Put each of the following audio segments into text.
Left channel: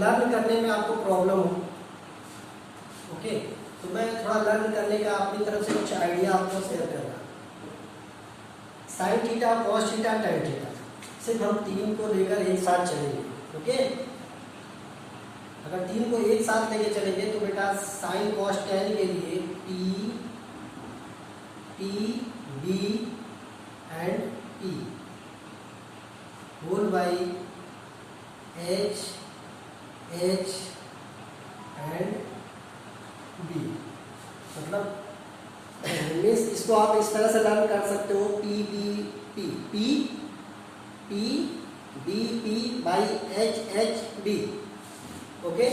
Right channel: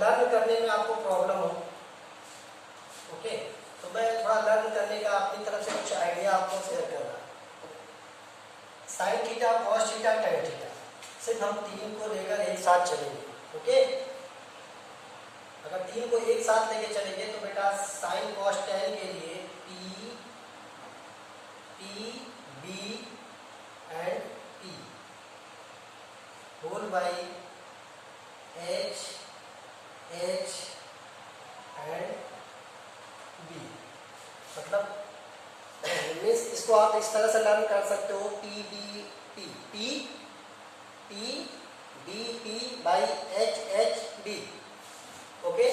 Learn करने में आपको प्रॉब्लम हो, ओके, तो मैं थोड़ा लर्न करने का अपनी तरफ से कुछ आइडिया आपको शेयर करूँगा। Sine theta, cos theta, tan theta, सिर्फ हम तीन को लेकर एक साथ चलेंगे, ओके। अगर तीन को एक साथ लेके चलेंगे तो बेटा साइन कॉस टैन के लिए P, B and P whole by H and B, मतलब मीन्स इसको आप इस तरह से लर्न कर सकते हो, P B by H B, okay.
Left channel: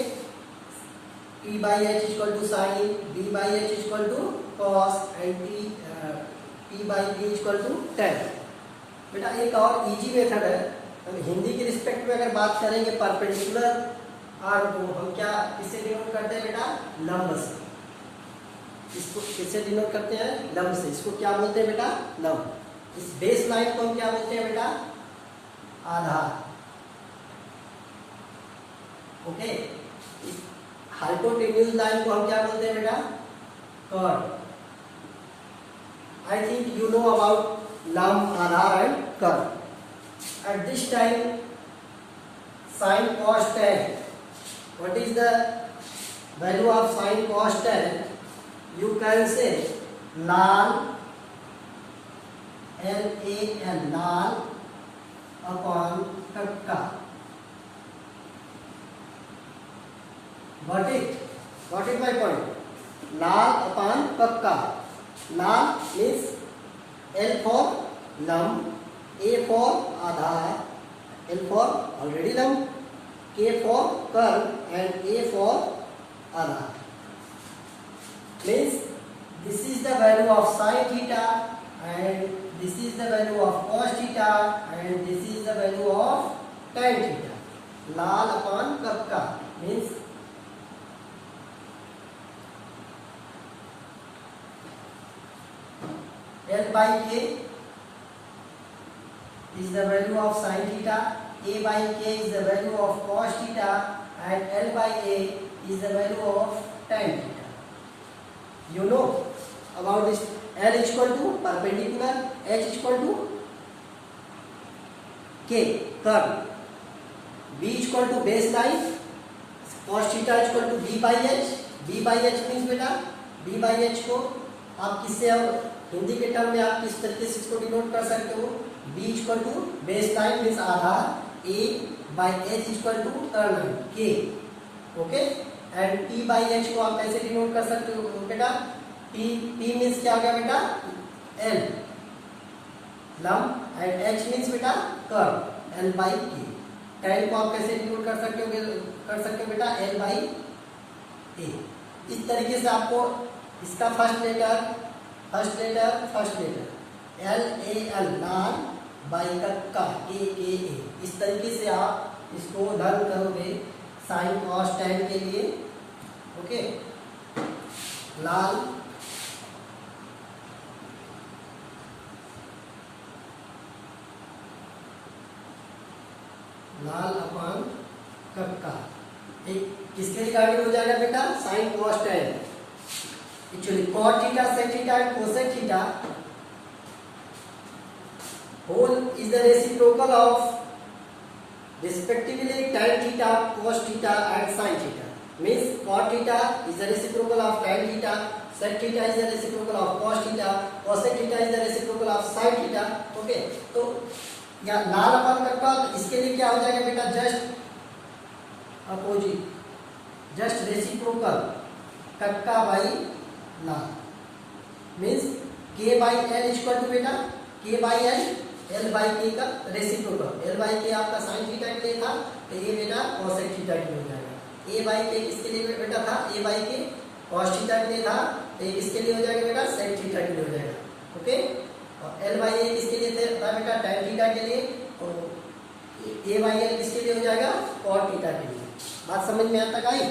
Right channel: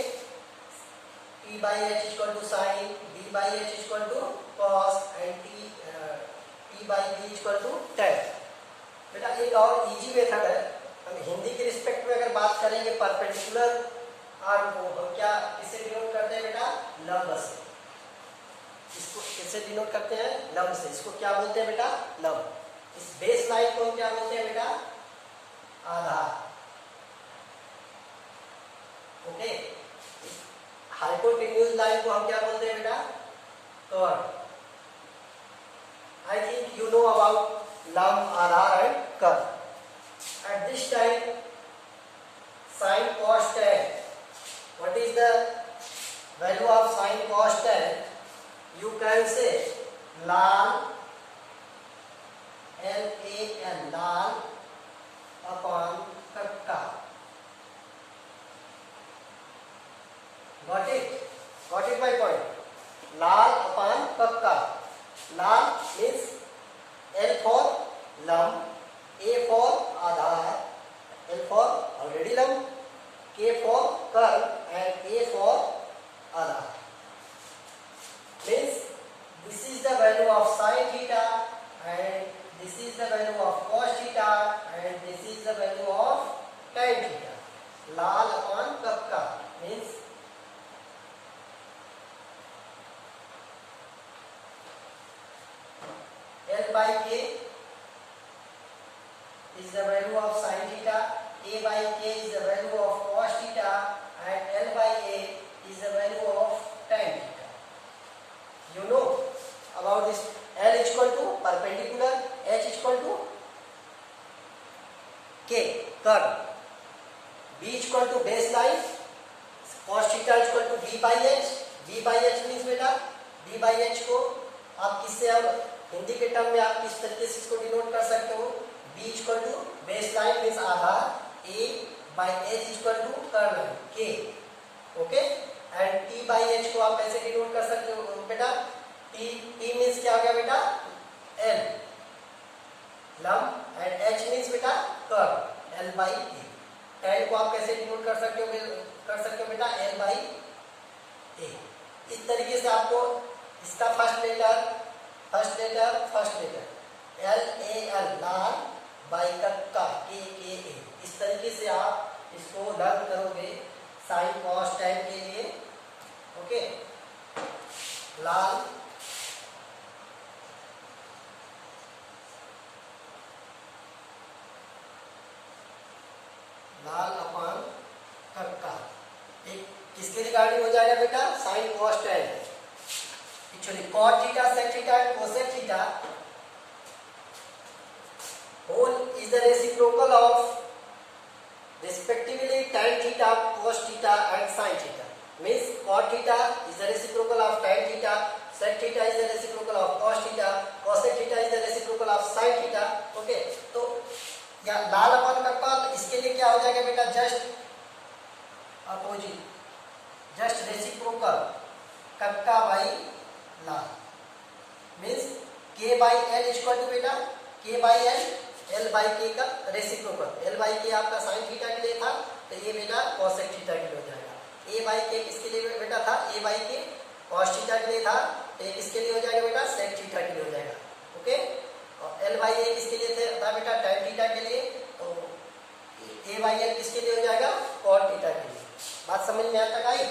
P by H equal to sine, B by H equal to cos and P by B equal to tan. बेटा एक और इजी मेथड है, हम हिंदी के रिस्पेक्ट में अगर बात करेंगे परपेंडिकुलर आर्म को हम क्या किससे डिनोट करते हैं बेटा, लंब से। इसको किससे डिनोट करते हैं, लंब से। इसको क्या बोलते हैं बेटा, लंब। इस बेस लाइन को हम क्या बोलते हैं बेटा, आधार, ओके। इस हाइपोटेन्यूज लाइन को हम क्या बोलते हैं बेटा, कर्व। I think you know about लंब, आधार एंड कर्व। At this time, sin cos tan, what is the value of sin cos tan? You can say ln, L-A-N, ln upon kakka. Got it? Got it my point? Ln upon kakka. Ln means L for lump, A for Aadhaar, L for already lump, K for curve and A for Aadhaar. Means this is the value of sin theta and this is the value of cos theta and this is the value of tan theta. Ln upon kakka means L by K is the value of sin theta, A by K is the value of cos theta and L by A is the value of tan theta. You know about this. L is equal to perpendicular, H is equal to K, curve, B is equal to baseline, cos theta is equal to B by H. B by H means बेटा B by H को आप किससे और हिंदी के term में आप किस तरीके से इसको डिनोट कर सकते हो, B equal to base line means आधार, A by H equal to कर्ल K, okay. And T by H को आप कैसे डिनोट कर सकते हो बेटा, T मीन्स क्या हो गया बेटा, L लंब एंड H मीन्स बेटा curl, L by A। Tan को आप कैसे डिनोट कर सकते हो बेटा, L बाई A। इस तरीके से आपको इसका फर्स्ट लेटर L-A-L लाल बाई कक्का A, इस तरीके से आप इसको लर्न करोगे साइन कॉस टैन के लिए, ओके। लाल अपॉन कक्का, एक किसके रिगार्डिंग हो जाएगा बेटा, sine cos tan. Actually, cot theta, sec theta and cosec theta whole is the reciprocal of respectively tan theta, cos theta and sin theta. Means cot theta is the reciprocal of tan theta, sec theta is the reciprocal of cos theta, cosec theta is the reciprocal of sin theta. Okay, तो या लाल अपन करता तो इसके लिए क्या हो जाएगा बेटा, जस्ट अपोजिट, जस्ट रेसिप्रोकल कक्का बाई लाल means K by L equal to बेटा K by L by K का रेसिप्रोकल। L बाई K आपका साइन थीटा के लिए था तो ये बेटा कॉसेक थीटा के लिए हो जाएगा। A बाई K किसके लिए बेटा था, A by K cos theta के लिए था, तो किसके लिए हो जाएगा बेटा, सेक थीटा के लिए हो जाएगा, ओके। और L बाई A किसके लिए था बेटा, टैन थीटा के लिए, और A बाई L किसके लिए हो जाएगा, कॉट थीटा के लिए। बात समझ में यहाँ तक आई?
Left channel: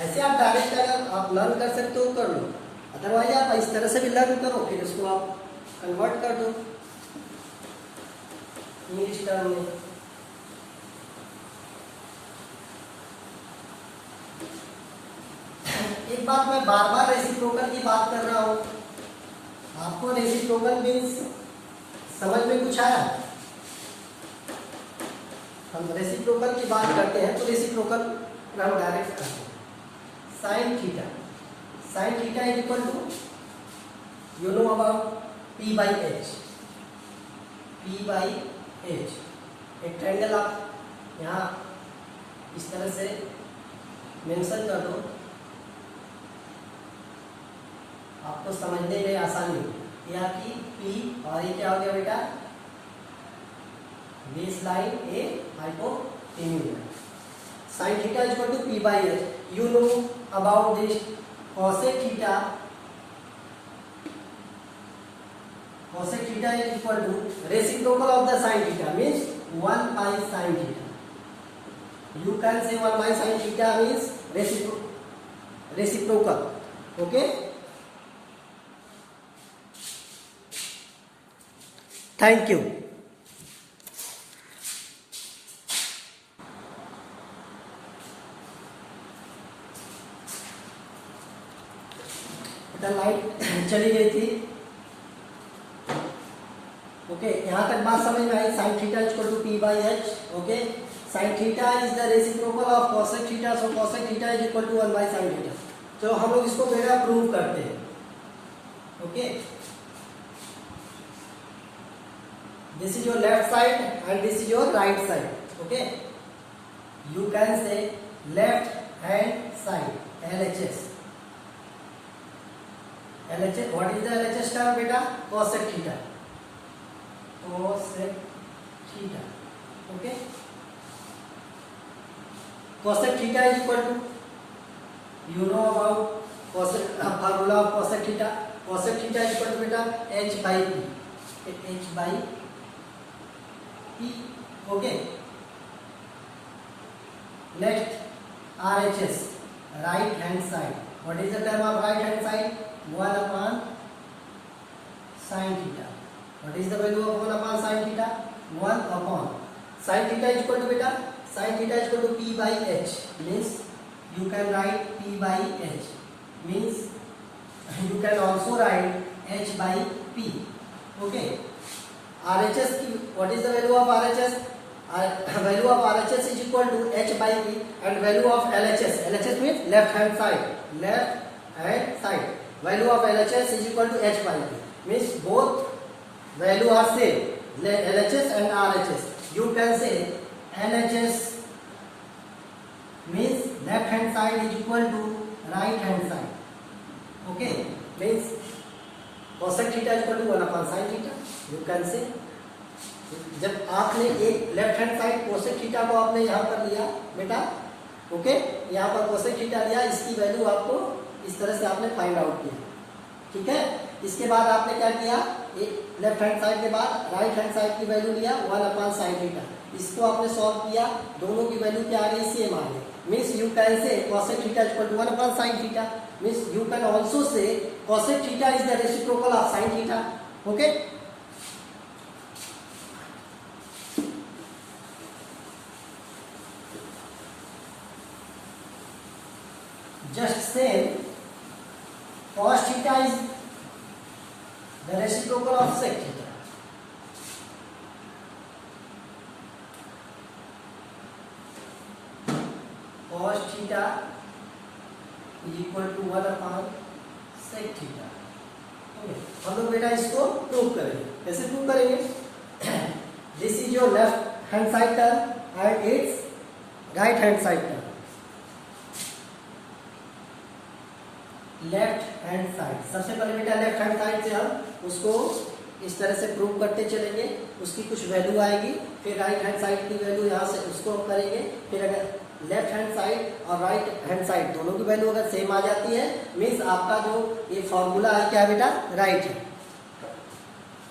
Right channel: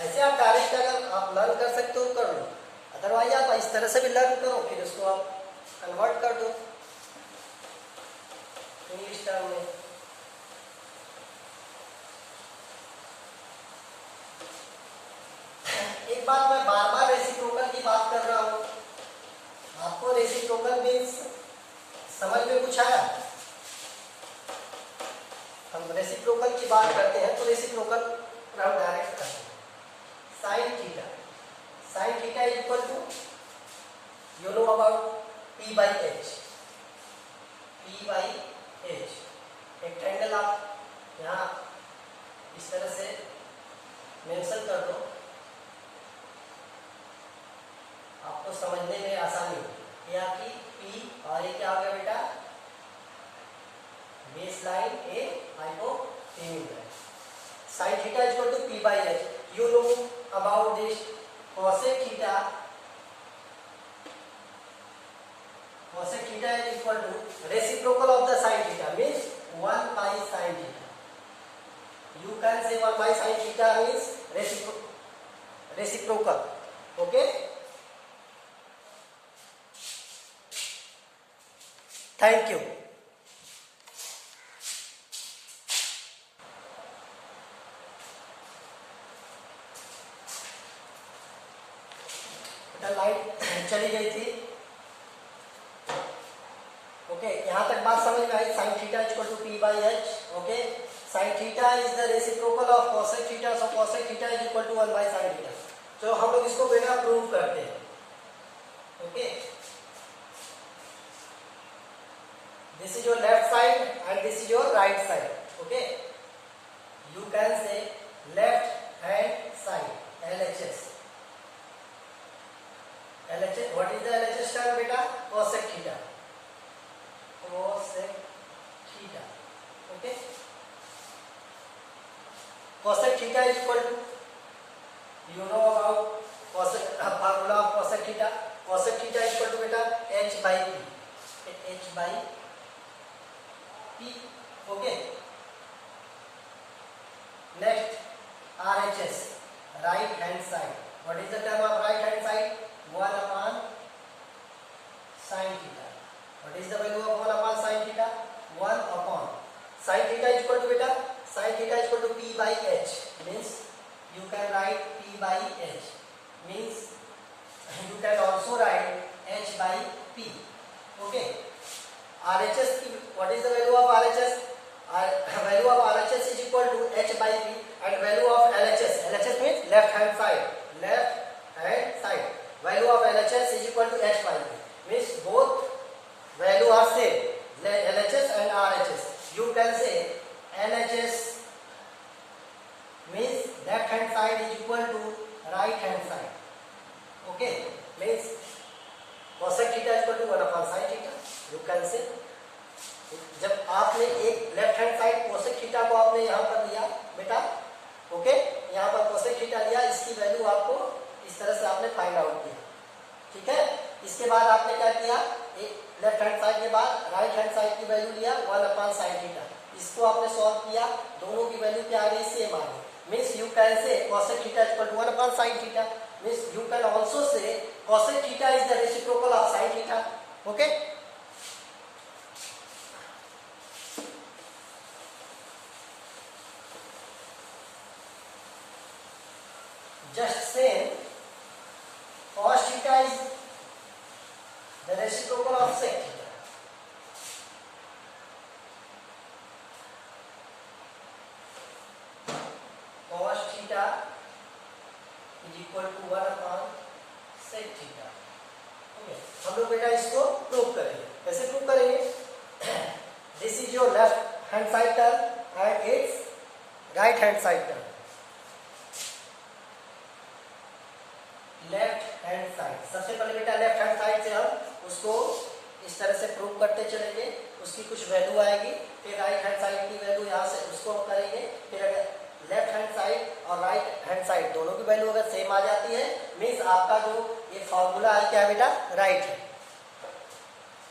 ऐसे आप डायरेक्ट अगर आप लर्न कर सकते हो कर लो, अदरवाइज आप इस तरह से भी लर्न करो, फिर उसको आप कन्वर्ट कर दो इंग्लिश टर्म में। एक बात मैं बार बार रेसिप्रोकल की बात कर रहा हूं, आपको रेसिप्रोकल मीन्स समझ में कुछ आया? हम रेसिप्रोकल की बात करते हैं तो रेसिप्रोकल हम डायरेक्ट करते हैं। Sine theta, sine theta is equal to, you know about P by H, P by H। एक ट्रायंगल आप यहाँ इस तरह से मेंशन कर दो, आपको समझने में आसानी हो। यहाँ की P और ये क्या हो गया बेटा? Base line a hypotenuse line. Sine theta is equal to P by H, you know about this cosec theta, cosec theta is equal to reciprocal of the sin theta means 1 by sin theta. You can say 1 by sin theta means reciprocal. Okay? Thank you. बेटा light चली गई थी। Okay, यहाँ तक बात समझ में आई। Sine theta equal to P by H। Okay, sine theta is the reciprocal of cosec theta, so cosec theta is equal to 1 by sin theta. तो हम लोग इसको बेटा प्रूव करते हैं। Okay, this is your left side and this is your right side. Okay, you can say left hand side LHS। LHS, what is the LHS term बेटा? cosec theta, cosec theta। Okay, cosec theta is equal to, you know about cosec formula of cosec theta। cosec theta is equal to बेटा H by P, H by P। Okay, next RHS, right hand side। what is the term of right hand side? 1 upon sin theta। What is the value of 1 upon sin theta? 1 upon sin theta is equal to beta, sin theta is equal to P by H, means you can write P by H, means you can also write H by P। Okay, RHS की, what is the value of RHS? Value of RHS is equal to H by P, and value of LHS, LHS means left hand side, left hand side, value of LHS is equal to H by P, means both value are same, LHS and RHS। you can say LHS means left hand side is equal to right hand side। okay, means cosec theta is equal to 1 upon sin theta। you can say, जब आपने एक left hand side cosec theta को आपने यहाँ पर लिया बेटा, okay, यहाँ पर cosec थीटा लिया, इसकी वैल्यू आपको इस तरह से आपने फाइंड आउट किया। ठीक है, इसके बाद आपने क्या किया, एक लेफ्ट हैंड साइड के बाद राइट हैंड साइड की वैल्यू लिया 1 अपॉन साइन थीटा, इसको आपने सॉल्व किया, दोनों की वैल्यू क्या आ गई? सेम आ गई। Means you can say cosec theta equal to 1 upon sine theta, means you can also say cosec theta is the reciprocal of sine theta. Okay, just same cos theta is the reciprocal of sec theta। cos theta is equal to 1 upon sec theta। Okay, हम लोग बेटा इसको prove करेंगे। कैसे prove करेंगे? This is your left hand side term and it's right hand side term. Left hand side, सबसे पहले बेटा लेफ्ट हैंड साइड से हम उसको इस तरह से प्रूव करते चलेंगे, उसकी कुछ वैल्यू आएगी, फिर राइट हैंड साइड की वैल्यू यहाँ से उसको करेंगे, फिर अगर लेफ्ट हैंड साइड और राइट हैंड साइड दोनों की वैल्यू अगर सेम आ जाती है, मीन्स आपका जो ये फॉर्मूला है क्या है बेटा? राइट है।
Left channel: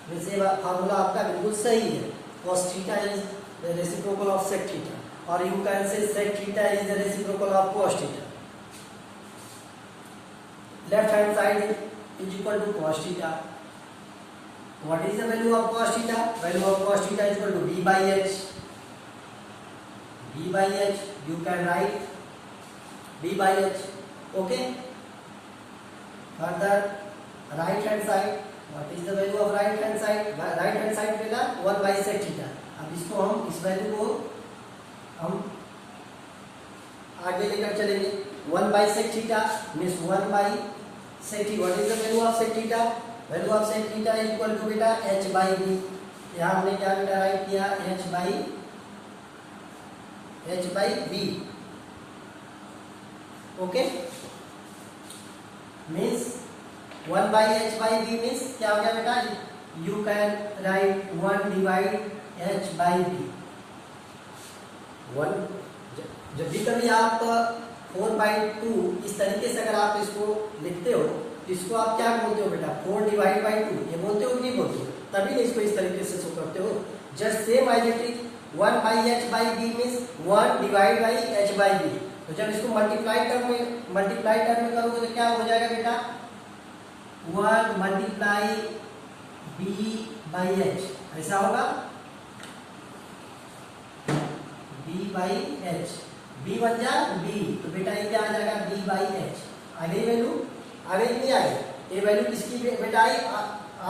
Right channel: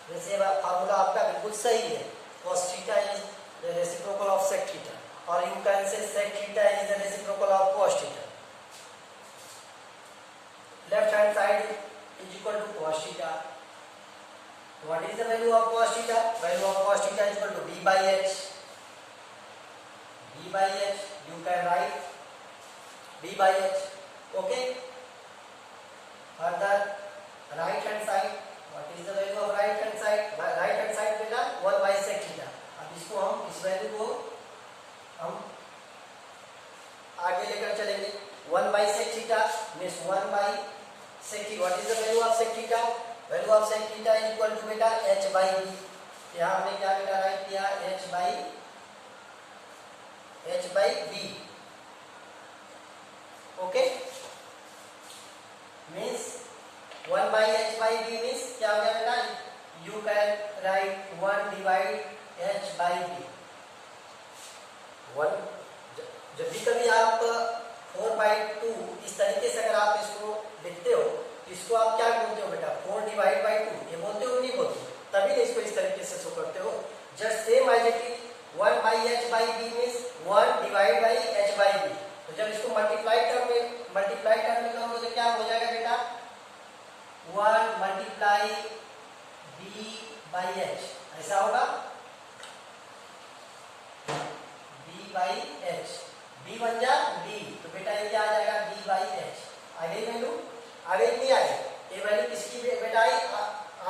वैसे फॉर्मूला आपका बिल्कुल सही है। cos theta is the reciprocal of sec theta, और you can say sec theta is the reciprocal of cos theta. left hand side is equal to cos theta। what is the value of cos theta? value of cos theta is equal to b by h। b by h you can write b by h। okay, further right hand side, what is the value of right hand side? Right hand side पे ना 1 by sec theta. अब इसको हम इस value को हम आगे लेकर चलेंगे। 1 by sec theta means 1 by sec theta. What is the value of sec theta? Value of sec theta is equal to बेटा h बाई b। यहाँ हमने क्या बेटा राइट किया? h by b। Okay, means 1 by h by b means क्या हो गया बेटा? You can write 1 divide h by b। 1 जब भी कभी आप 4/2 इस तरीके से अगर आप इसको लिखते हो तो इसको आप क्या बोलते हो बेटा? 4 डिवाइड बाई 2 ये बोलते हो कि नहीं बोलते हो? तभी नहीं इसको इस तरीके से शो करते हो। Just same as it is 1 by h by b means 1 divide by h by b। तो जब इसको मल्टीप्लाई टर्म में करोगे तो क्या हो जाएगा बेटा? 1 मल्टीप्लाई b बाई h, ऐसा होगा b बाई h। b बन जा b, तो बेटा ये क्या आ जाएगा? b by h। आ गई वैल्यू? आ गई नहीं आ गई? ये वैल्यू किसकी बेटा आई?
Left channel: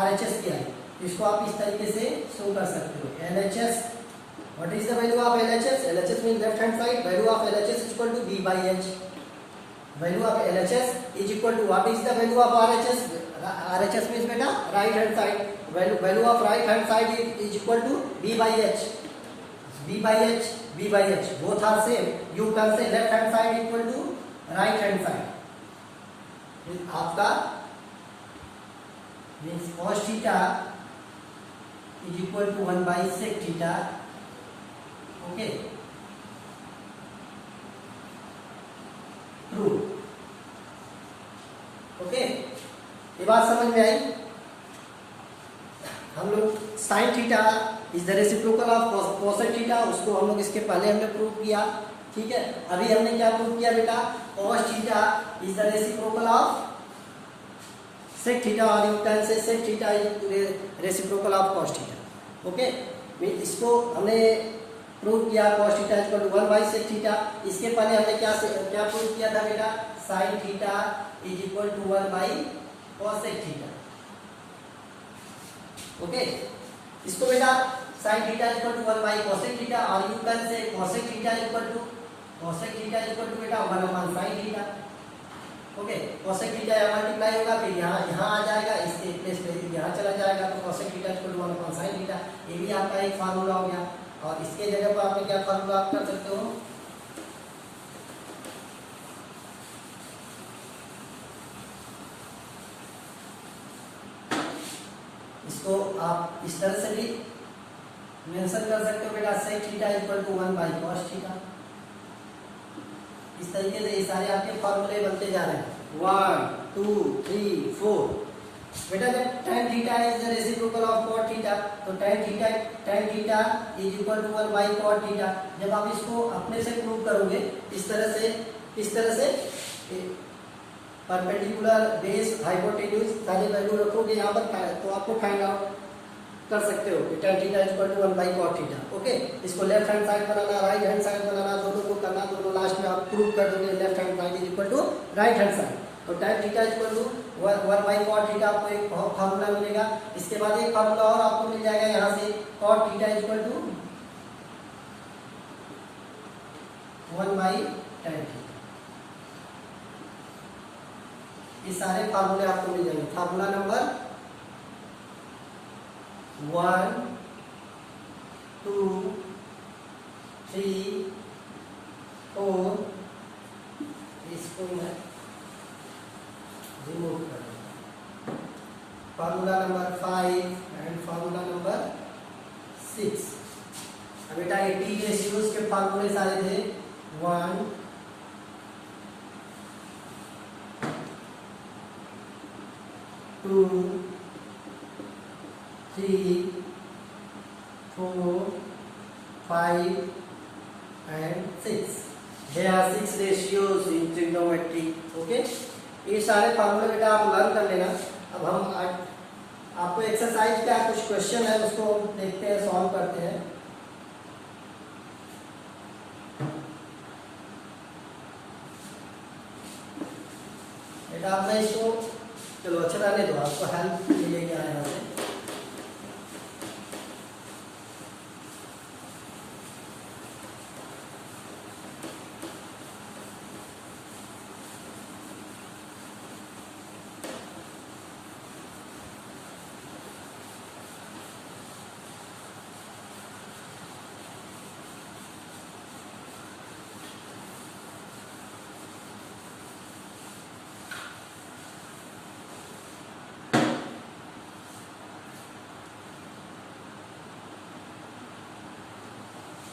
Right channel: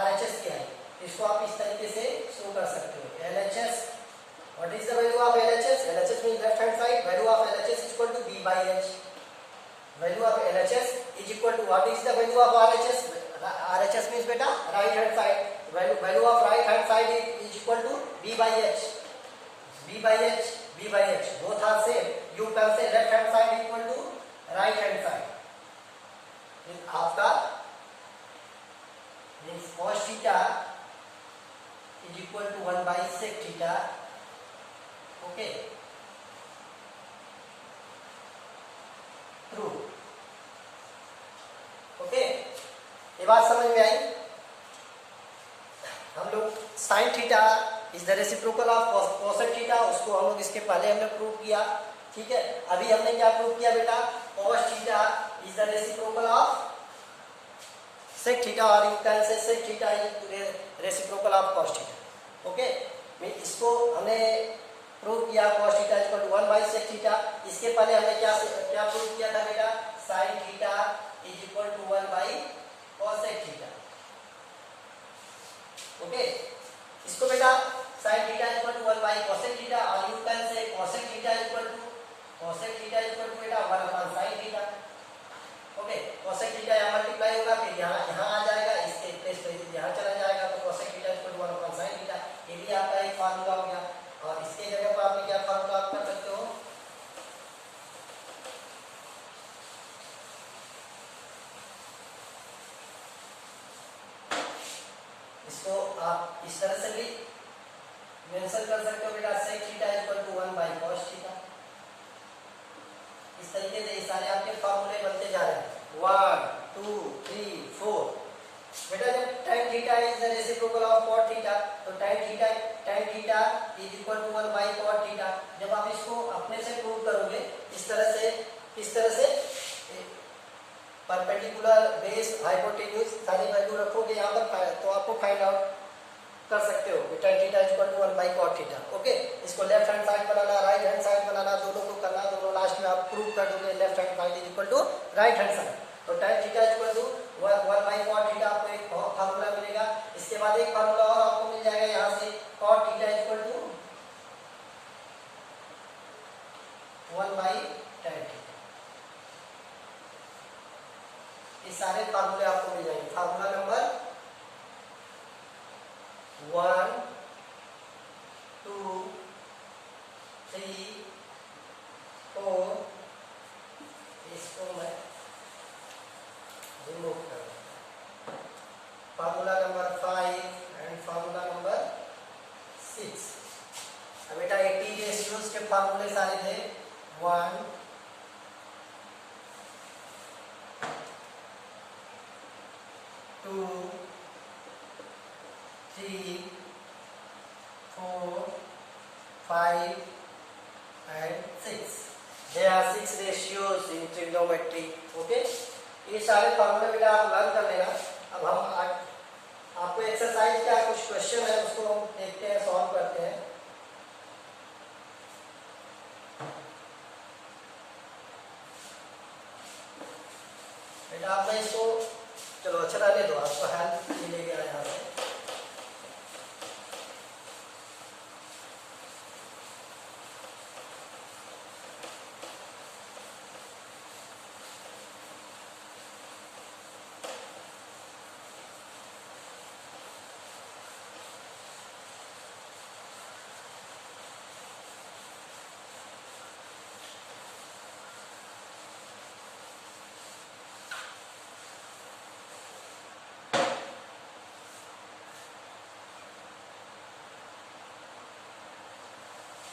RHS की आई। इसको आप इस तरीके से शो कर सकते हो। LHS, what is the value of LHS? LHS mean left hand side. Value of LHS is equal to b by h। Value of LHS is equal to what is the value of RHS? RHS means बेटा right hand side. Value of right hand side is equal to b by h। b by h both are same. You can say left hand side equal to right hand side। आपका means cos theta is equal to 1 by sec theta। Okay, true. Okay, ये बात समझ में आई? हम लोग sign theta is the reciprocal of cosec theta, उसको हम लोग इसके पहले हमने प्रूव किया। ठीक है, अभी हमने क्या प्रूव किया बेटा? cos theta is the reciprocal of sec theta, और you can say sec theta is reciprocal of cos theta. Okay, इसको हमने प्रूव किया cos theta is equal to 1 by sec theta. इसके पहले हमने क्या प्रूव किया था बेटा? Sine theta is equal to 1 by cosec theta. Okay, इसको बेटा sin theta equal to 1 by cosec theta, और you can say cosec theta equal to बेटा 1 upon sin theta. Okay, cosec theta यहाँ मल्टीप्लाई होगा, फिर यहाँ आ जाएगा, इसके प्लेस पे यहाँ चला जाएगा, तो cosec theta equal to 1 upon sin theta. ये भी आपका एक फार्मूला हो गया। और इसके जगह पर आपने क्या फार्मूला आप कर सकते हो? इसको आप इस तरह से भी मेंशन कर सकते हो बेटा, sec theta equal to 1 by cos theta. इस तरीके से ये सारे आपके फॉर्मूले बनते जा रहे हैं। 1 2 3 4। बेटा जब tan theta is the reciprocal of cot theta, तो tan theta is equal to 1 by cot theta. जब आप इसको अपने से प्रूव करोगे इस तरह से परपेंडिकुलर, बेस, हाइपोटेन्यूज सारी वैल्यू रखोगे यहाँ पर, तो आपको फाइंड आउट कर सकते हो कि tan theta is equal to 1 by cot theta. Okay, इसको लेफ्ट हैंड साइड बनाना, राइट हैंड साइड बनाना, दोनों को करना, दोनों लास्ट में आप प्रूव कर दोगे left hand side is equal to right hand side. तो tan theta is equal to 1 by cot theta, आपको एक फार्मूला मिलेगा। इसके बाद एक फार्मूला और आपको मिल जाएगा यहाँ से, cot theta is equal to 1 by tan theta. ये सारे फार्मूले आपको मिल जाएंगे। फार्मूला नंबर 1 2 3 4, इसको मैं रिमूव कर दूंगा। Formula number 5 and formula number 6। अब बेटा ये टी रेशियोज के फार्मूले सारे थे। 1 2 3 4 5 and 6। There are 6 ratios in trigonometry। Okay, ये सारे फार्मूले बेटा आप लर्न कर लेना। अब हम आपको एक्सरसाइज का कुछ क्वेश्चन है, उसको देखते हैं, सॉल्व करते हैं। बेटा आपने इसको चलो अच्छा रहने दो, आपको हेल्प मिलेगी यहाँ से।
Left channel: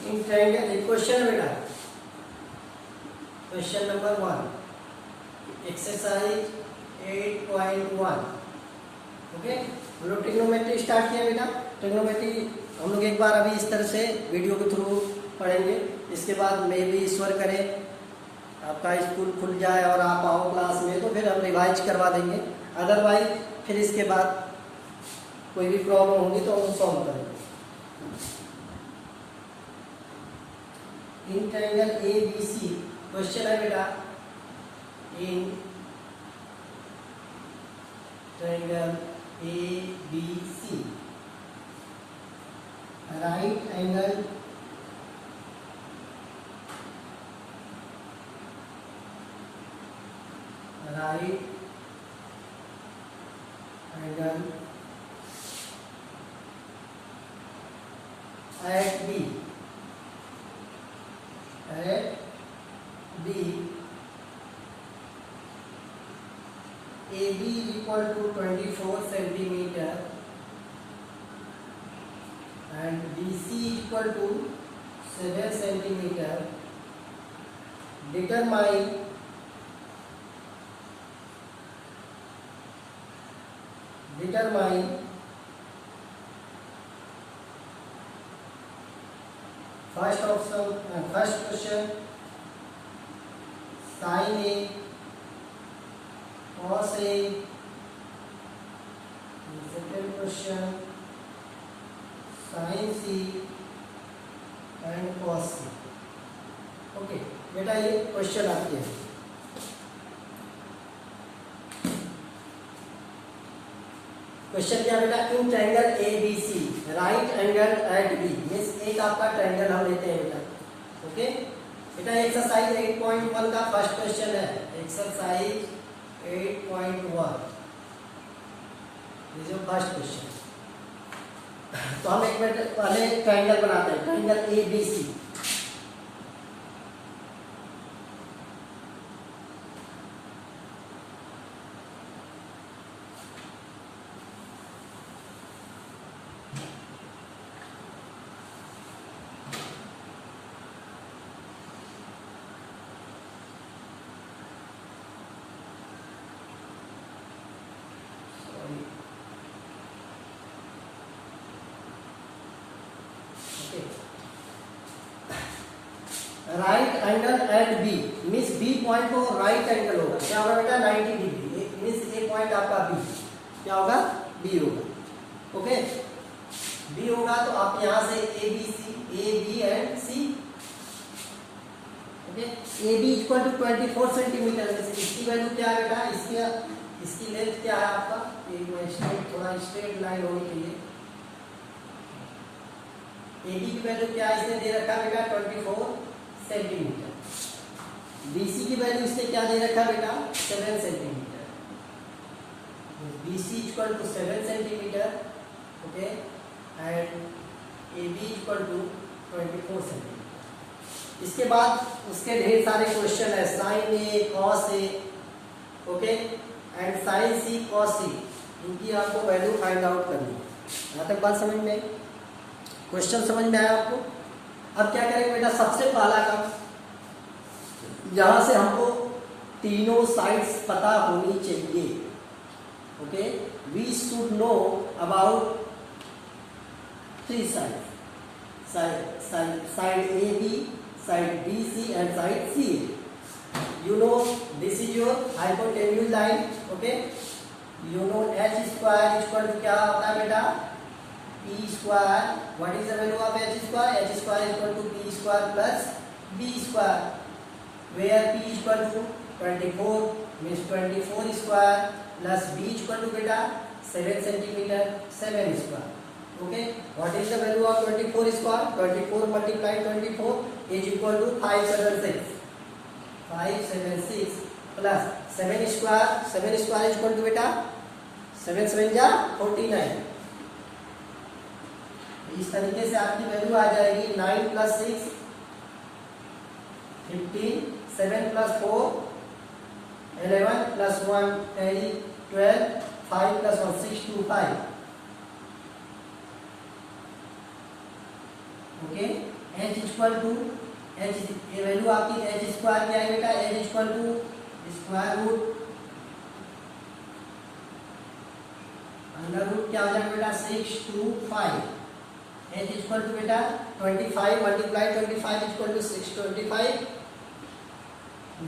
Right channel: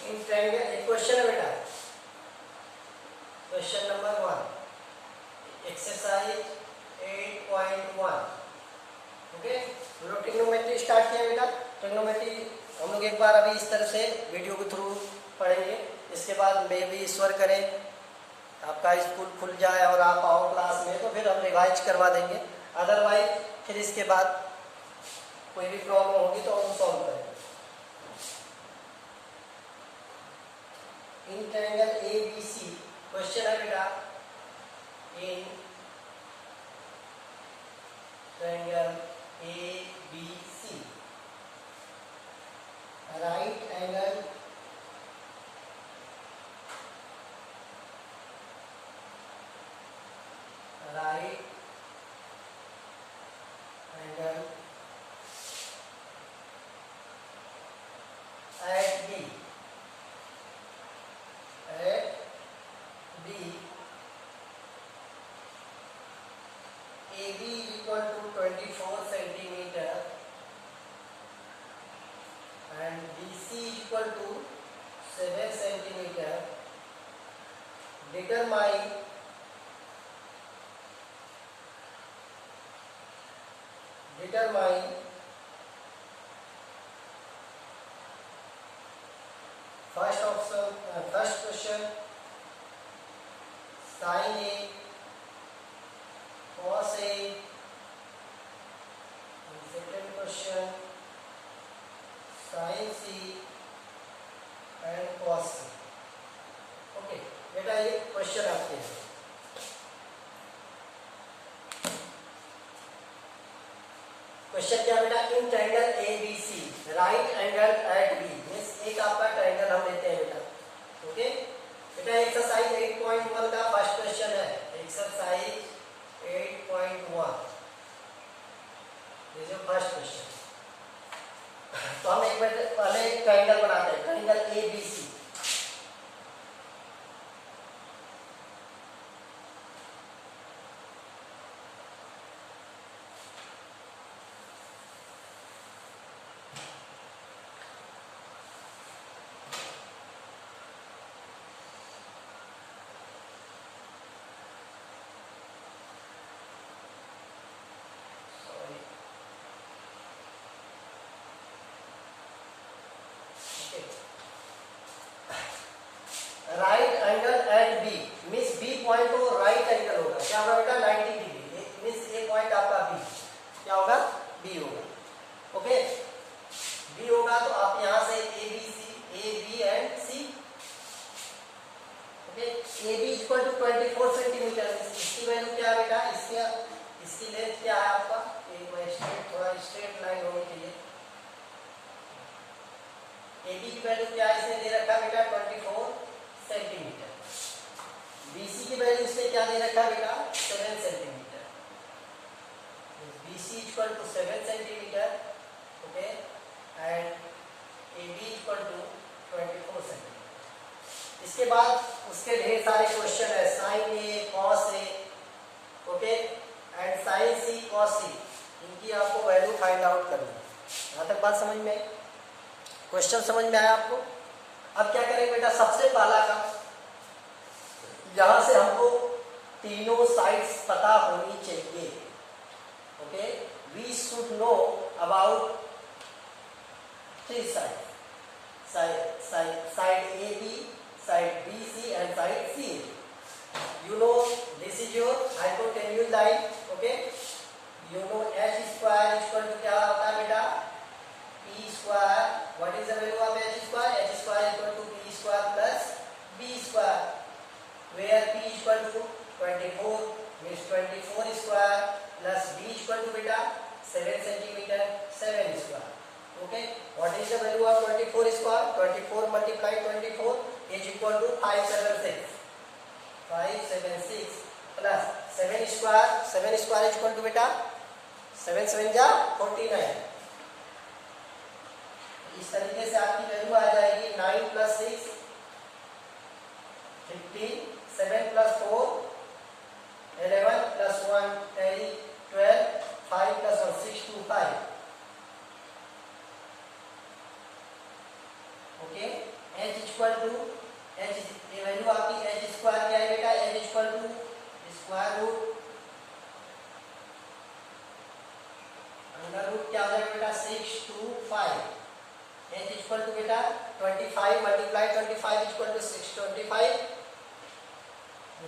इन ट्रायंगल एक क्वेश्चन है बेटा, क्वेश्चन नंबर 1 एक्सरसाइज 8.1। ओके, हम लोग ट्रिग्नोमेट्री स्टार्ट किया बेटा। ट्रिग्नोमेट्री हम लोग एक बार अभी इस तरह से वीडियो के थ्रू पढ़ेंगे, इसके बाद मे भी ईश्वर करे आपका स्कूल खुल जाए और आप आओ क्लास में, तो फिर हम रिवाइज करवा देंगे। अदरवाइज फिर इसके बाद कोई भी प्रॉब्लम होगी तो हम सॉल्व करेंगे। In triangle A B C question है बेटा, in triangle A B C right angle at B AB equal to 24 centimeter and BC equal to 7 centimeter. Determine first option, first question sin A, cos A, and second question sin C and cos C. Okay बेटा, ये question आपके हैं। Question क्या बेटा, in triangle A B C right angle at B, means एक आपका triangle हम लेते हैं बेटा। ओके बेटा, एक्सरसाइज 8.1 का फर्स्ट क्वेश्चन है। एक्सरसाइज 8.1 जो फर्स्ट क्वेश्चन। तो हम एक मिनट पहले ट्रायंगल बनाते हैं, triangle A B C. Right angle at B means B point को राइट एंगल होगा, क्या होगा बेटा 90 डिग्री, मीन्स ए पॉइंट आपका बी क्या होगा, बी होगा। ओके, बी होगा तो आप यहां से A B and C. Okay, A B equal to 24 centimetre. इसकी वैल्यू क्या है बेटा, इसकी लेंथ क्या है आपका, थोड़ा स्ट्रेट लाइन होनी चाहिए। ए बी की वैल्यू क्या है, इसने दे रखा है बेटा 24 सेंटीमीटर। बीसी की वैल्यू इससे क्या दे रखा बेटा 7 centimetre. BC equal to 7 centimetre. Okay, and A B equal to 24 centimetre. इसके बाद उसके ढेर सारे क्वेश्चन है, sine A, cos A, okay, and sine C, cos C, इनकी आपको वैल्यू फाइंड आउट करनी है। यहां तक बात समझ में आई, क्वेश्चन समझ में आया आपको। अब क्या करेंगे बेटा, सबसे पहला काम, यहां से हमको तीनों साइड्स पता होनी चाहिए। Okay, we should know about 3 side A B, side B C and side C. You know this is your hypotenuse line. Okay, you know H square equal to क्या होता है बेटा, P square. What is the value of H square? H square equal to P square plus B square, where P equal to 24 means 24 square plus b equal to beta 7 centimeter 7 square. Okay, what is the value of 24 square? 24 multiplied 24 is equal to 576 plus 7 square is equal to beta 7 7 जा 49. इस तरीके से आपकी value आ जाएगी 9 plus 6 15 7 plus 4 11 plus 1 12 5 plus 1 6 to 5. Okay, h equal to h ये value आपकी h square क्या है बेटा? h equal to square root under root क्या हो जाएगा बेटा? 6 to 5. h इक्वल टू बेटा 25 multiply 25 equal to 625. h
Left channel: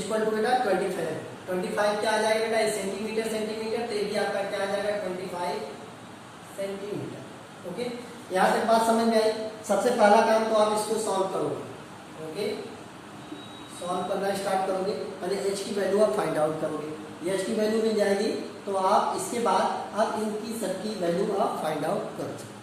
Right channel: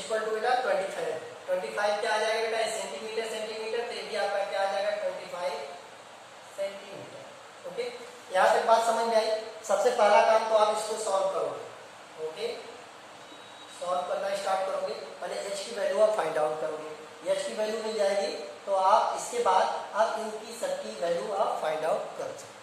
equal to बेटा 25 क्या आ जाएगा बेटा? सेंटीमीटर सेंटीमीटर तो ये भी आपका क्या आ जाएगा? 25 सेंटीमीटर. ओके, यहाँ तक बात समझ में आई. सबसे पहला काम तो आप इसको सॉल्व करोगे. ओके, सॉल्व करना स्टार्ट करोगे. पहले h की वैल्यू आप फाइंड आउट करोगे. h की वैल्यू मिल जाएगी तो आप इसके बाद आप इनकी सबकी वैल्यू आप फाइंड आउट कर सकते.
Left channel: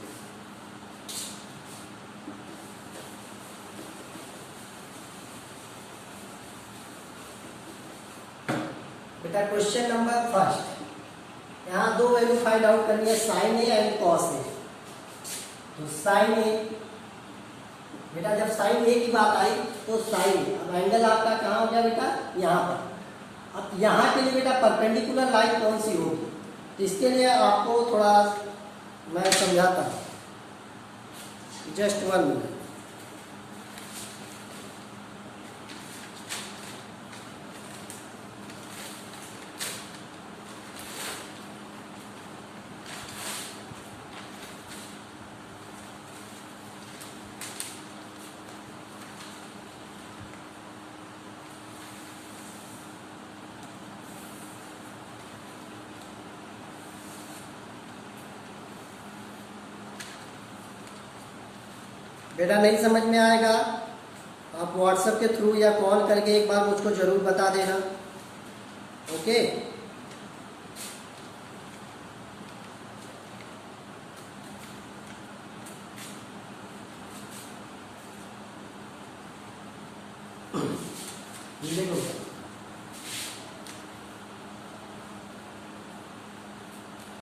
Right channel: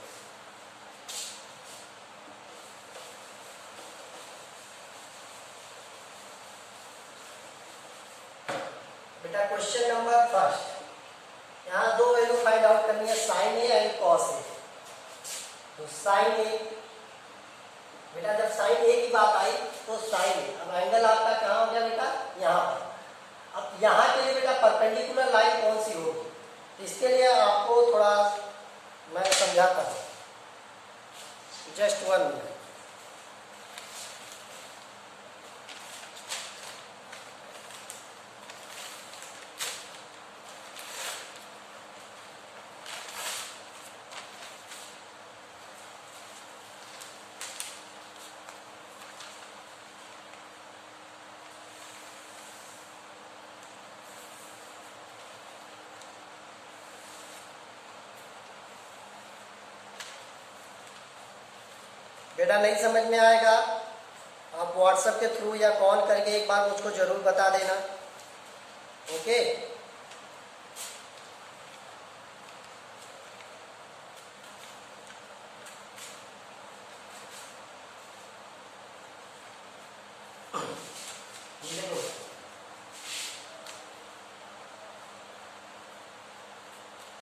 बेटा क्वेश्चन नंबर फर्स्ट, यहाँ दो वैल्यू फाइंड आउट करनी है, sine A and cos A. तो साइन ए बेटा, जब साइन ए की बात आई तो साइन, अब एंगल आपका कहाँ हो गया बेटा? यहाँ पर. अब यहाँ के लिए बेटा परपेंडिकुलर लाइन कौन सी होगी? तो इसके लिए आपको थोड़ा मैं समझाता हूँ. Just 1 minute. बेटा नहीं समझ में आएगा आप व्हाट्सएप के थ्रू या कॉल करके एक बार मुझको जरूर बता देना. ओके, देखो